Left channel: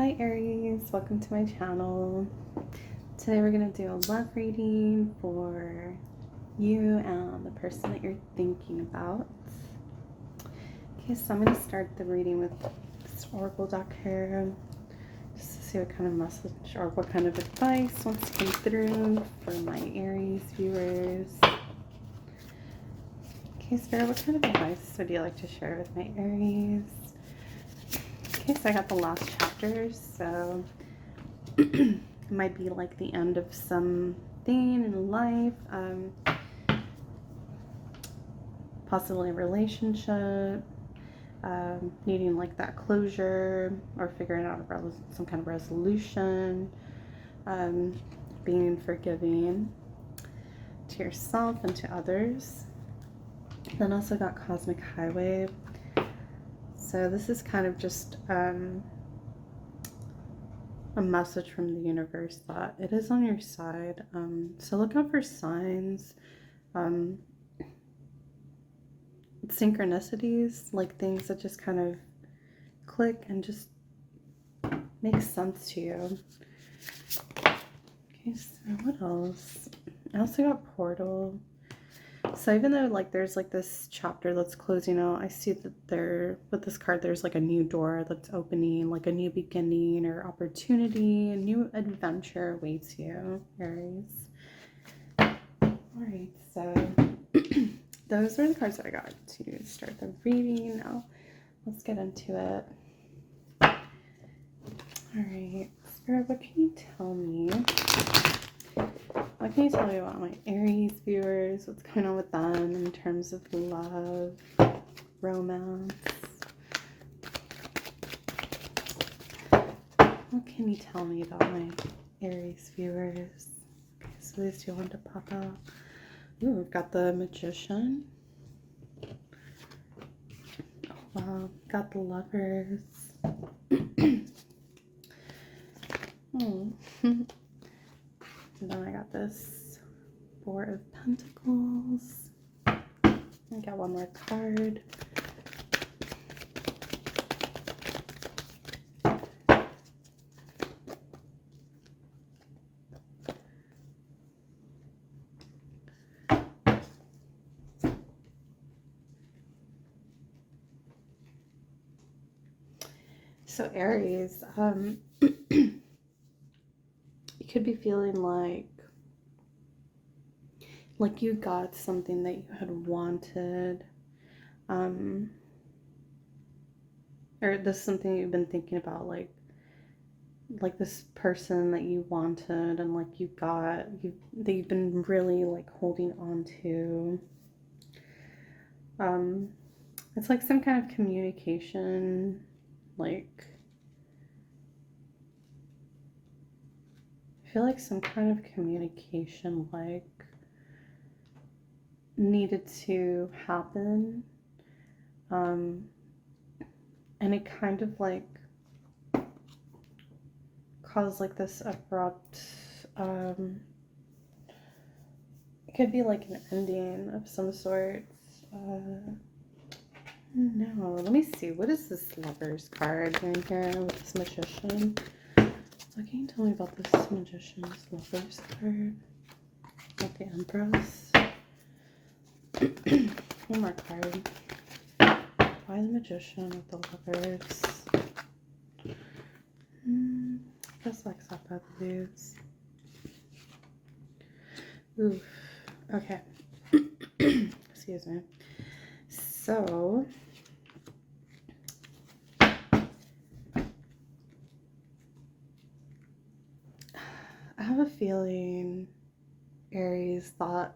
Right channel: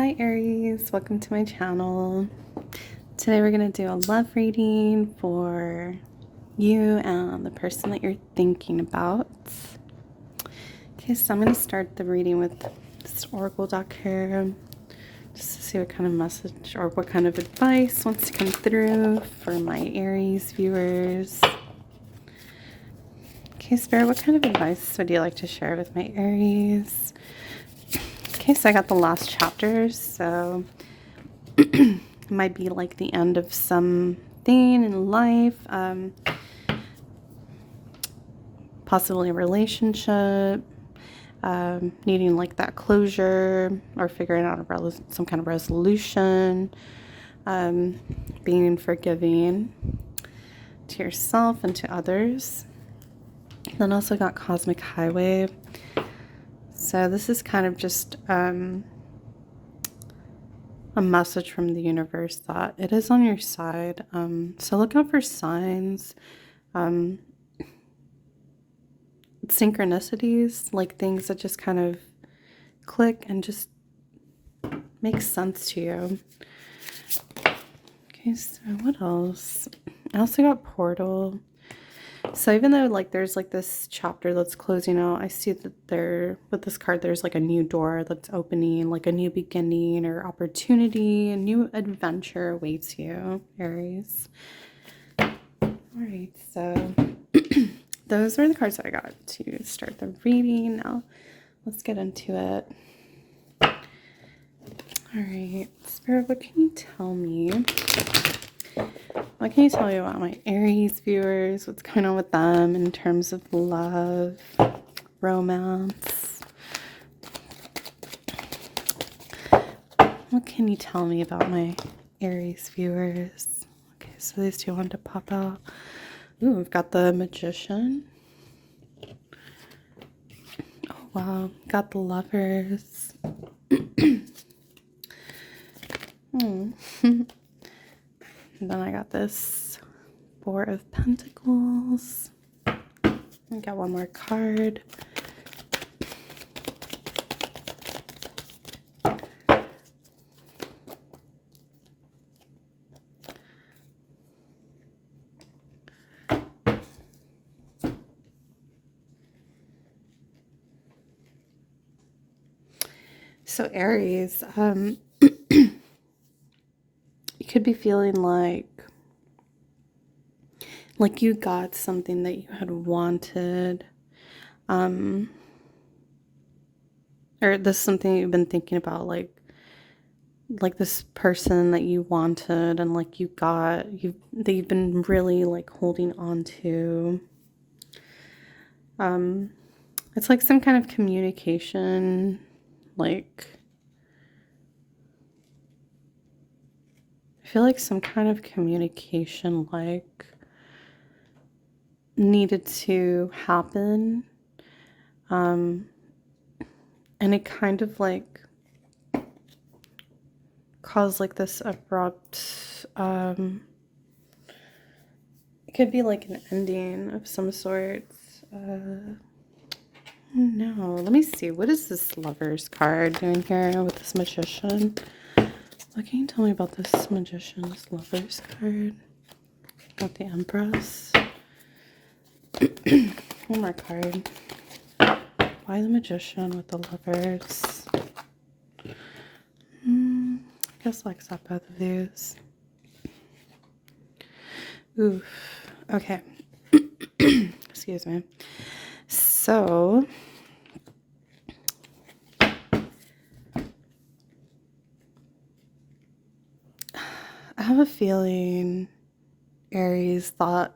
Hi Aries, welcome to my channel. Today we're going to do a love reading for you and the person that you're thinking about. Okay, so I'm going to start the reading with this oracle deck here, just to see what kind of message or what kind of advice wants to come through for my Aries viewers. Okay, Spirit, what kind of advice would you like to share with my Aries? Okay, so I got the last chapters, so it might be like the end of something in life, possibly a relationship, needing like that closure or figuring out some kind of resolution, being forgiving to yourself and to others. Then also got Cosmic Highway. So this is kind of just a message from the universe that it is on your side. So look out for signs, synchronicities, like things that just kind of click and just make sense to you. Okay, so what else? I also got Portal. So even though like there's like this chapter that's closing out, I see that there, with this card, there's like a new door that's opening, like a new beginning or opportunity, a new adventure awaits you, Aries. Alright, so those were the cards that I got to start the reading. Now let's get into it. Alright, Spirit, what can you tell me? What can you tell me about my Aries viewers? What's going on with them in terms of love, romance? What can you tell me about my Aries viewers? Okay, so these two wanted to pop out. Ooh, we've got the Magician. Oh, wow. Got the Lovers. And then I got this Four of Pentacles. I got one more card. So Aries, you could be feeling like you got something that you had wanted, or this is something you've been thinking about, like this person that you wanted and like you got, that you've been really like holding on to. It's like some kind of communication, like I feel like some kind of communication like needed to happen, and it kind of like caused like this abrupt, it could be like an ending of some sort. No, let me see, what is this Lovers card doing here with this Magician? What can you tell me about this Magician, this Lovers card with the Empress? One more card. Why the Magician with the Lovers? I guess I'll accept both of these. Oof. Okay. Excuse me. So I have a feeling Aries thought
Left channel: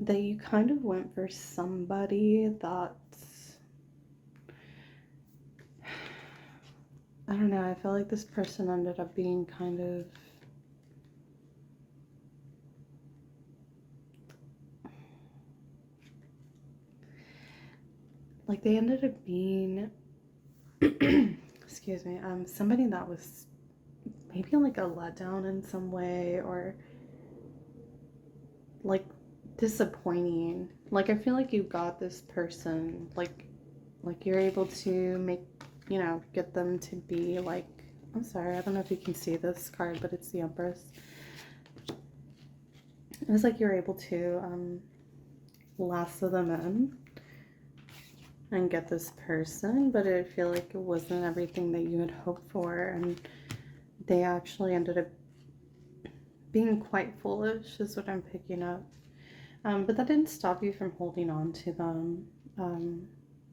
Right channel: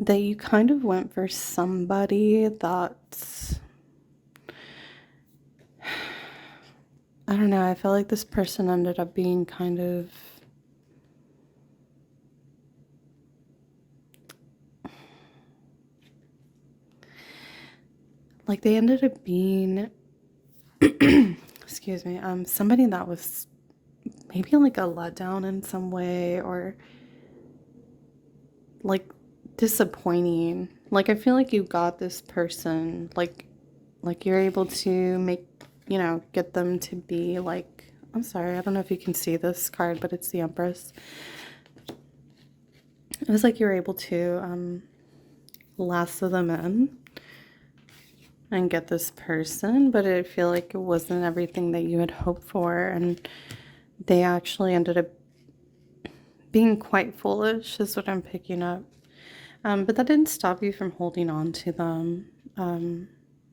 that you kind of went for somebody that, I don't know, I feel like this person ended up being kind of like they ended up being excuse me, somebody that was maybe like a letdown in some way, or like disappointing. Like I feel like you got this person, like you're able to you know, get them to be like, I'm sorry, I don't know if you can see this card, but it's the Empress. It was like you were able to lasso them in and get this person, but I feel like it wasn't everything that you had hoped for, and they actually ended up being quite foolish, is what I'm picking up. But that didn't stop you from holding on to them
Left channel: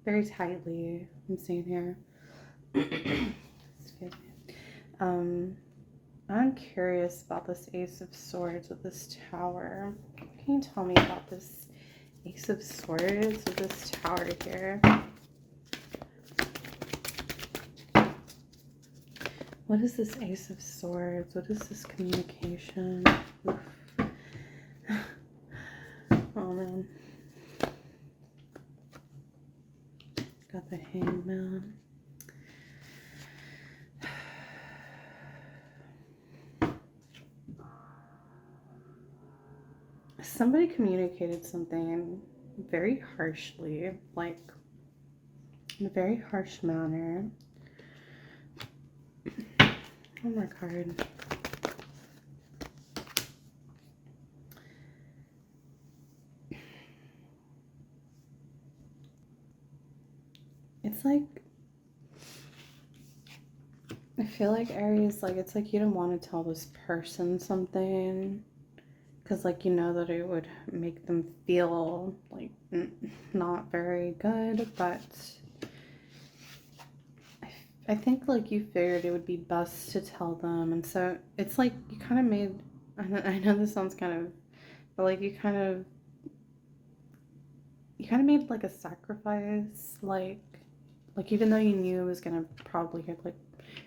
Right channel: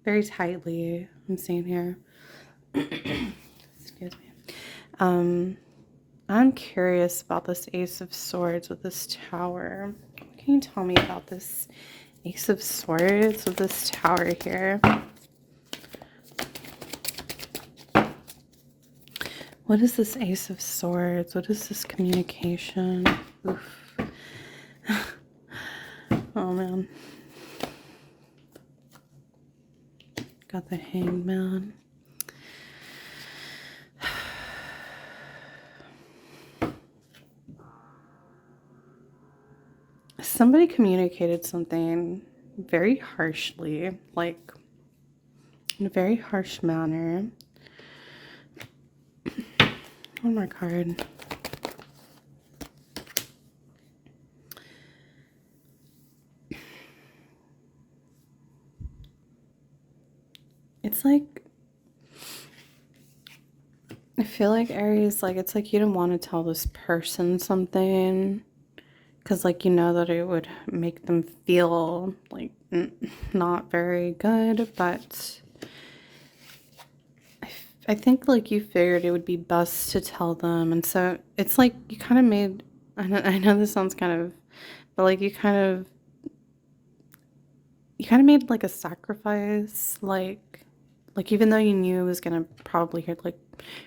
very tightly, I'm seeing here. Excuse me. I'm curious about this Ace of Swords with this Tower. What can you tell me about this Ace of Swords with this Tower here? What is this Ace of Swords? What is this communication? Oof. Oh man. Got the Hangman. Somebody communicated something very harshly, like in a very harsh manner. One more card. It's like, I feel like Aries, like, it's like you didn't want to tell this person something because, like, you know that it would make them feel like not very good, but I think, like, you figured it would be best to tell them, and so it's like you kind of made, I know this sounds kind of, but like you kind of made like a sacrifice, like even though you knew it was gonna probably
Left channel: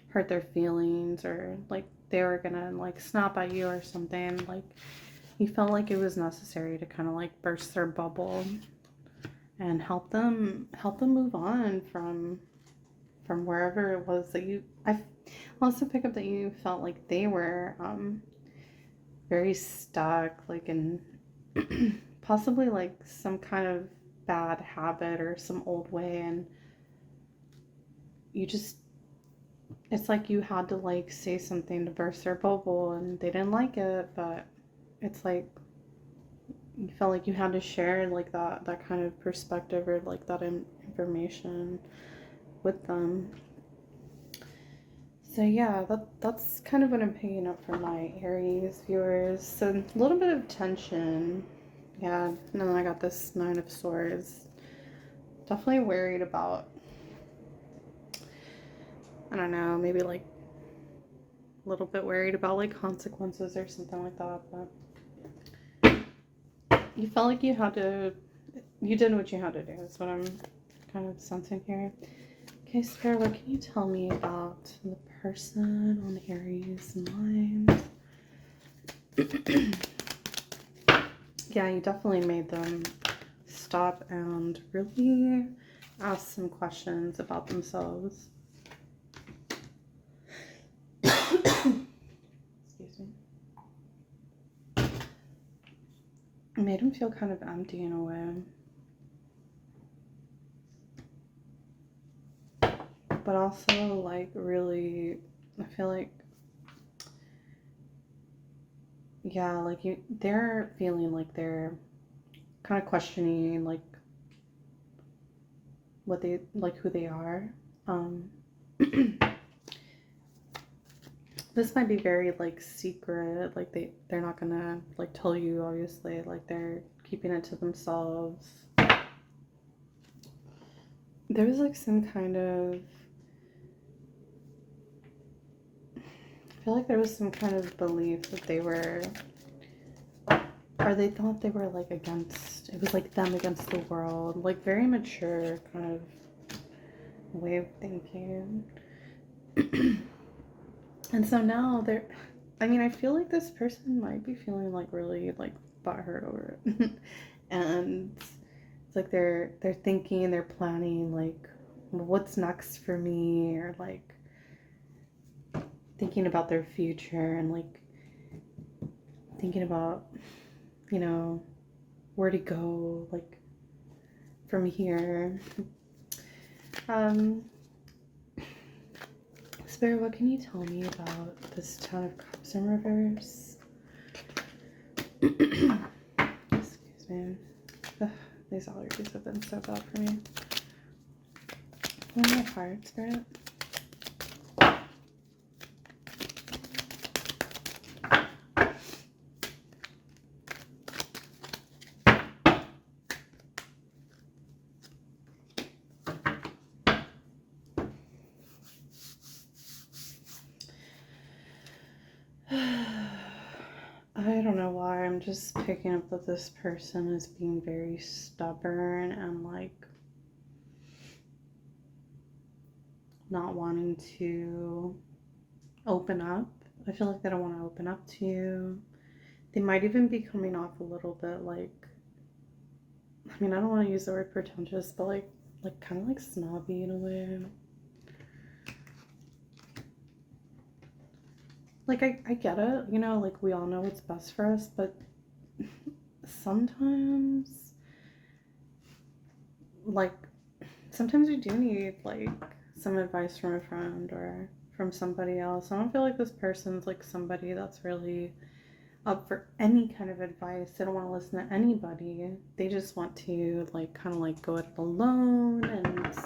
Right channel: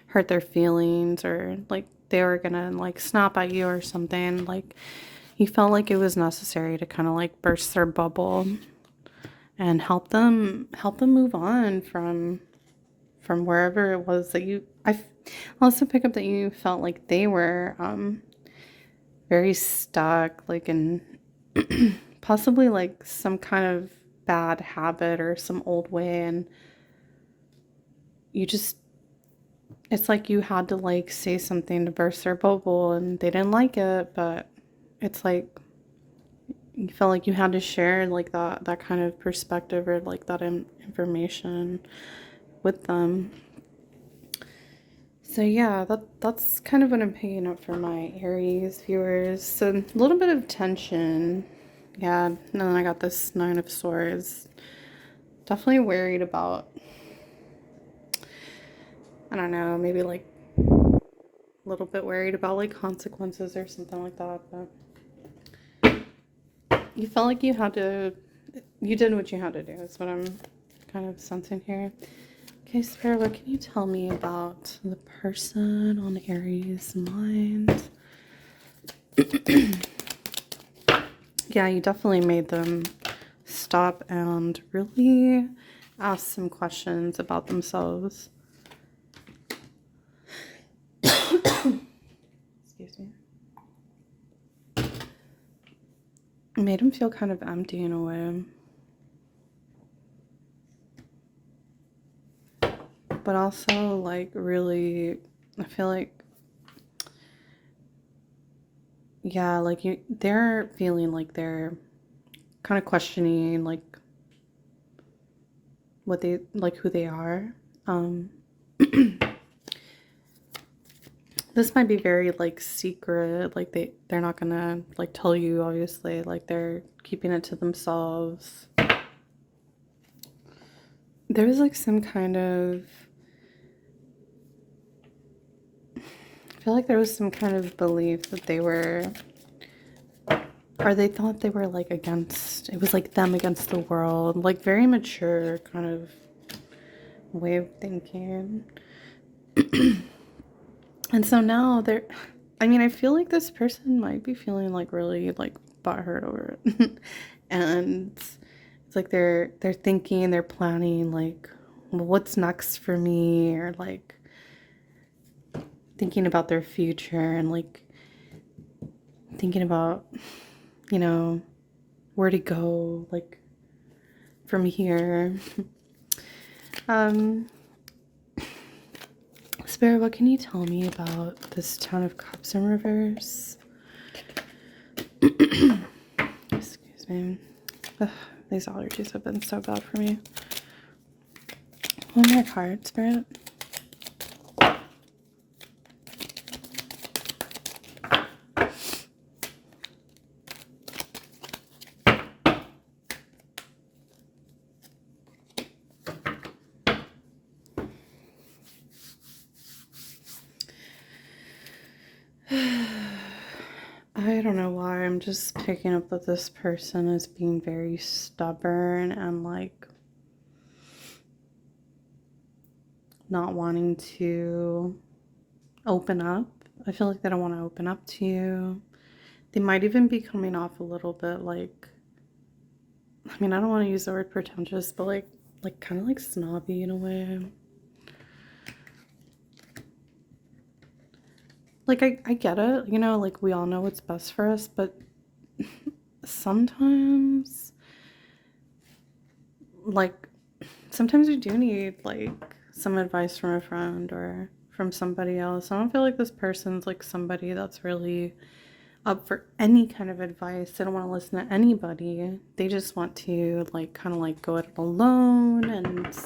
hurt their feelings, or like they were gonna like snap at you or something, like you felt like it was necessary to kind of like burst their bubble and help them move on from wherever it was that I also pick up that you felt like they were very stuck, like in possibly like some kind of bad habit or some old way, and you just, it's like you had to like say something to burst their bubble, and they didn't like it, but it's like you felt like you had to share like that kind of perspective or like that information with them. So yeah, that's kind of what I'm picking up for my Aries viewers. So a little bit of tension. Yeah, and then I got this Nine of Swords. Definitely worried about, I don't know, maybe like a little bit worried about like consequences or something like that, but you felt like you did what you had to do. That's what I'm kind of sensing here. Okay, Spirit, what can you tell me about the person on Aries' mind? Yeah, you definitely made them stop and really ask some questions about themselves. Excuse me. It made them feel kind of empty in a way. But also, like, really, I feel like, yeah, like they're feeling like they're kind of questioning, like, what they, like, who they are. This might be very, like, secret, like, they're not gonna, like, tell you, obviously, like, they're keeping it to themselves. There was, like, some kind of, I feel like there was some kind of belief that they were, or they thought they were like against, it was like them against the world, like very mature kind of way of thinking. And so now they're, I mean, I feel like this person might be feeling like really like butthurt over it. And it's like they're thinking, they're planning like, well, what's next for me, or like thinking about their future, and like thinking about, you know, where to go, like, from here. Spirit, what can you tell me about this Ten of Cups in reverse? Excuse me. Ugh, these allergies have been so bad for me. One more card, Spirit. I don't know why, I'm just picking up that this person is being very stubborn and like not wanting to open up. I feel like they don't want to open up to you. They might even be coming off a little bit like, I mean, I don't want to use the word pretentious, but like kind of like snobby in a way. Like, I get it, you know, like we all know what's best for us, but sometimes, like, sometimes we do need like some advice from a friend or from somebody else. I don't feel like this person's like somebody that's really up for any kind of advice. They don't want to listen to anybody. They just want to like kind of like go it alone, and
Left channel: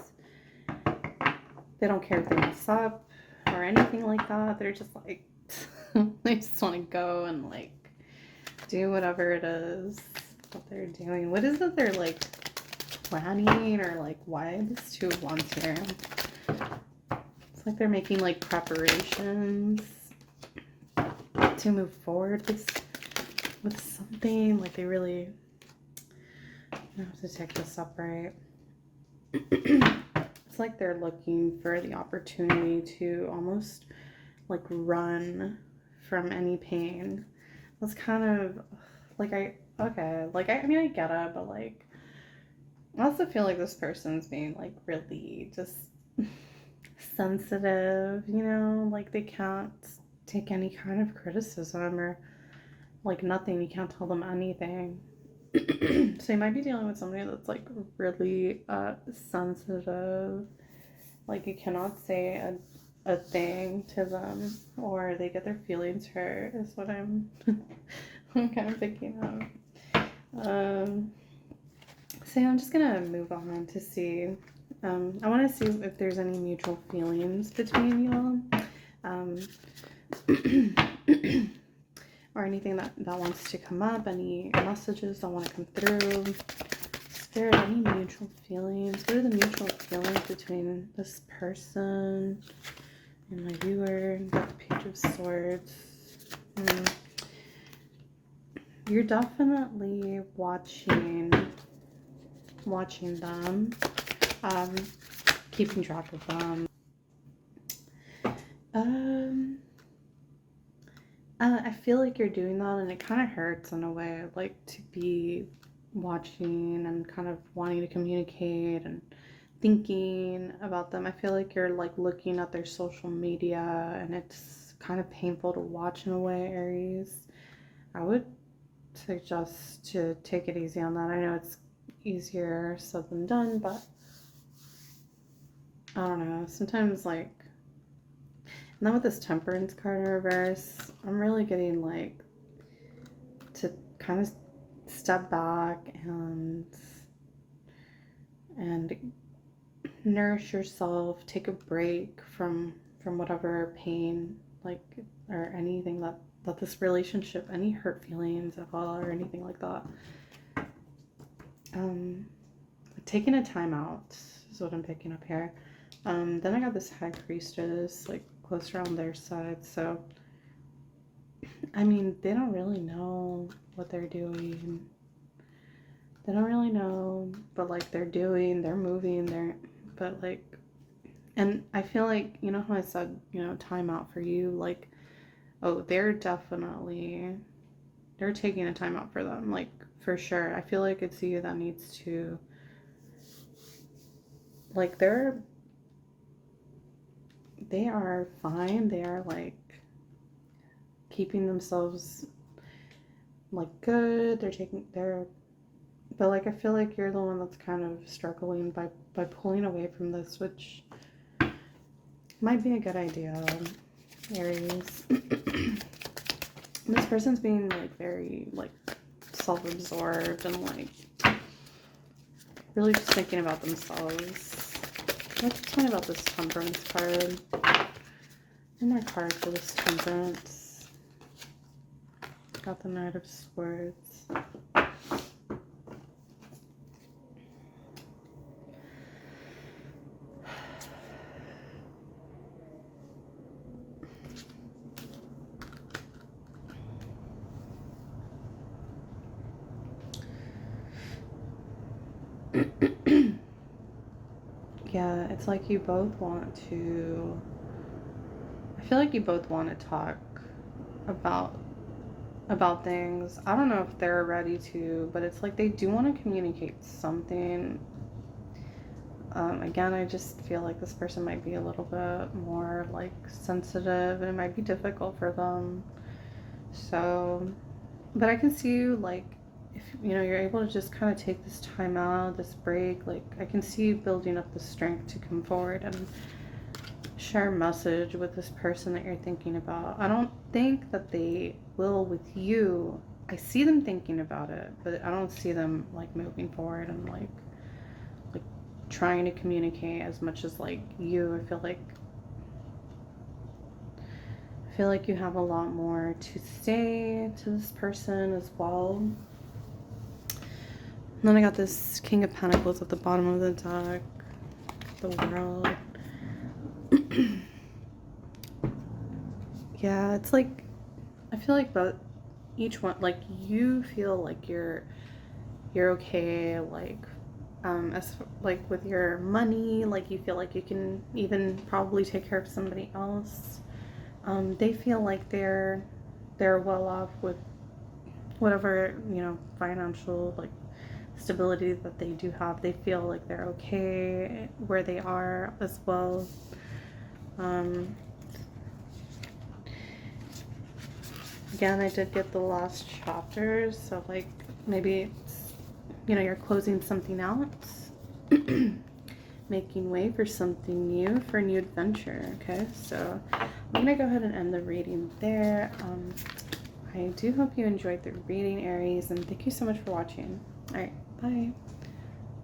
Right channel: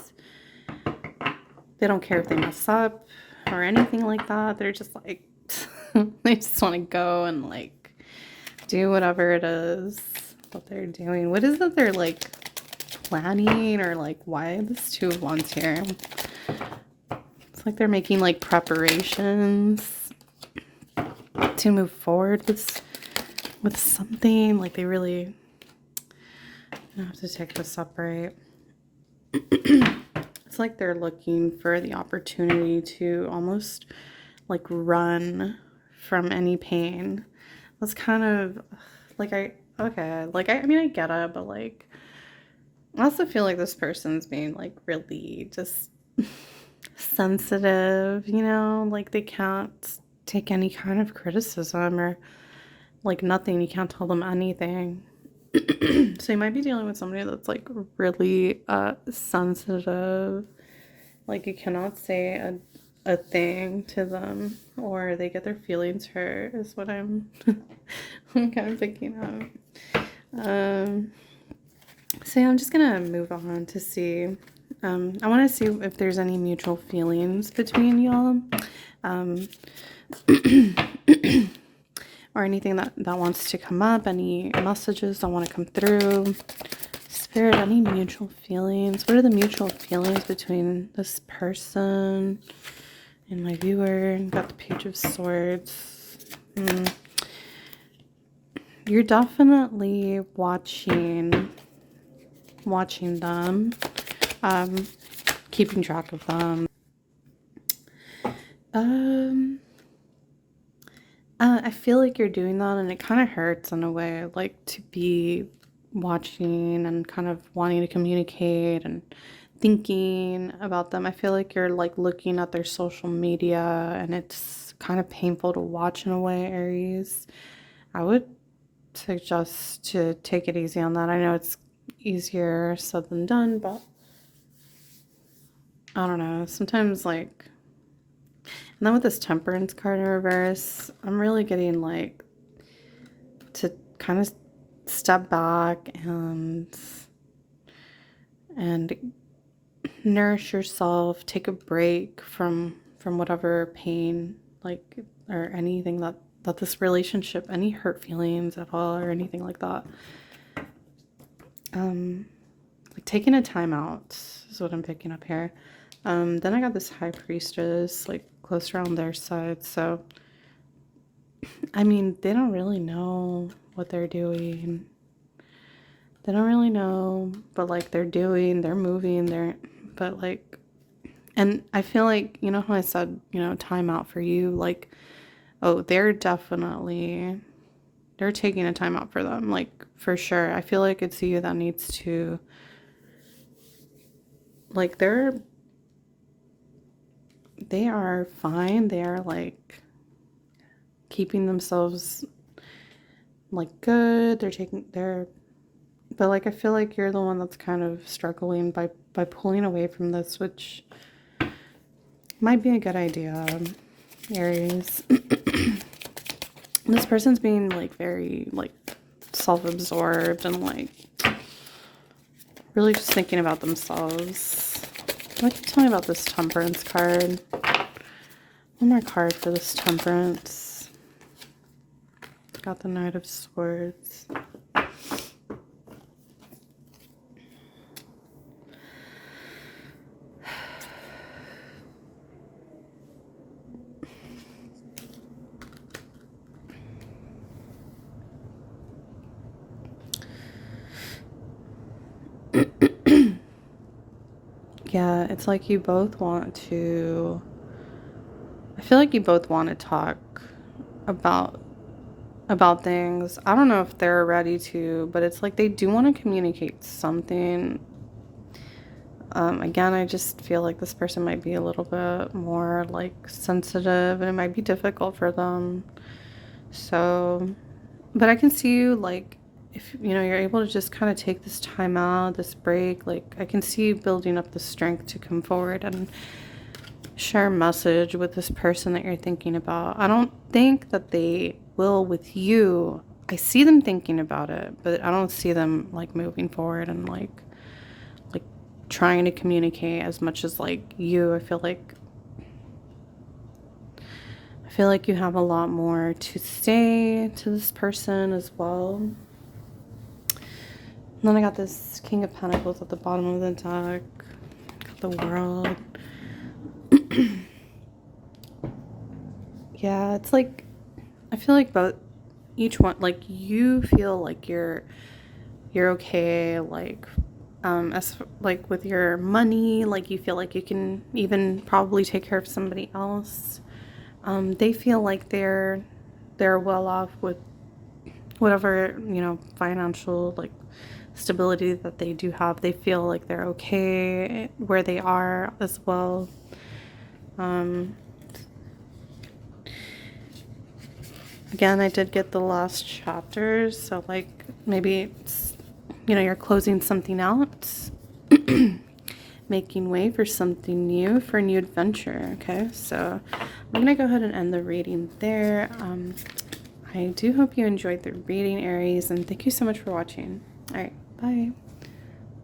they don't care if they mess up or anything like that. They're just like they just want to go and like do whatever it is that they're doing. What is it they're like planning, or like why this Two of Wands here? It's like they're making like preparations to move forward with something. Like they really, I have to take this up right. It's like they're looking for the opportunity to almost like run from any pain. That's kind of like I mean I get it, but like I also feel like this person's being like really just sensitive, you know, like they can't take any kind of criticism or like nothing. You can't tell them anything. So you might be dealing with somebody that's like really sensitive. Like you cannot say a thing to them or they get their feelings hurt is what I'm kind of picking up. So yeah, I'm just gonna move on to see. I want to see if there's any mutual feelings between y'all. Or anything that wants to come up, any messages that want to come through. Spirit, any mutual feelings? What are the mutual feelings between this person and my viewer? Got the Page of Swords. You're definitely watching them, keeping track of them. I feel like you're doing that, and it kind of hurts in a way, like to be watching and kind of wanting to communicate and thinking about them. I feel like you're like looking at their social media, and it's kind of painful to watch in a way, Aries. I would suggest to take it easy on that. I know it's easier said than done, but I don't know. Sometimes like, and then with this Temperance card in reverse, I'm really getting like to kind of step back and nourish yourself, take a break from whatever pain, like, or anything that this relationship, any hurt feelings at all or anything like that. Like taking a time out is what I'm picking up here. Then I got this High Priestess like close around their side, so I mean they don't really know what they're doing. They don't really know, but like they're moving, but like, and I feel like, you know how I said, you know, time out for you, like, oh, they're taking a time out for them, like for sure. I feel like it's you that needs to, like, they are fine. They are like keeping themselves like good. But like I feel like you're the one that's kind of struggling by pulling away from this, which might be a good idea, Aries. This person's being like very like self-absorbed and like really just thinking about themselves. What can you tell me about this Temperance card? One more card for this Temperance. Got the Knight of Swords. Yeah, it's like you both want to... I feel like you both want to talk about things. I don't know if they're ready to, but it's like they do want to communicate something. Again, I just feel like this person might be a little bit more like sensitive and it might be difficult for them. So, but I can see you like, if you know, you're able to just kind of take this time out, this break, like I can see you building up the strength to come forward and share a message with this person that you're thinking about. I don't think that they will with you. I see them thinking about it, but I don't see them like moving forward and like trying to communicate as much as like you. I feel like you have a lot more to say to this person as well. And then I got this King of Pentacles at the bottom of the deck, the World. Yeah, it's like I feel like both each one, like you feel like you're okay, like as like with your money, like you feel like you can even probably take care of somebody else. They feel like they're well off with whatever, you know, financial like stability that they do have. They feel like they're okay where they are as well. Again, I did get the last chapters, so like maybe it's, you know, you're closing something out, making way for something new, for a new adventure. Okay, so I'm gonna go ahead and end the reading there. I do hope you enjoyed the reading, Aries, and thank you so much for watching. All right, bye.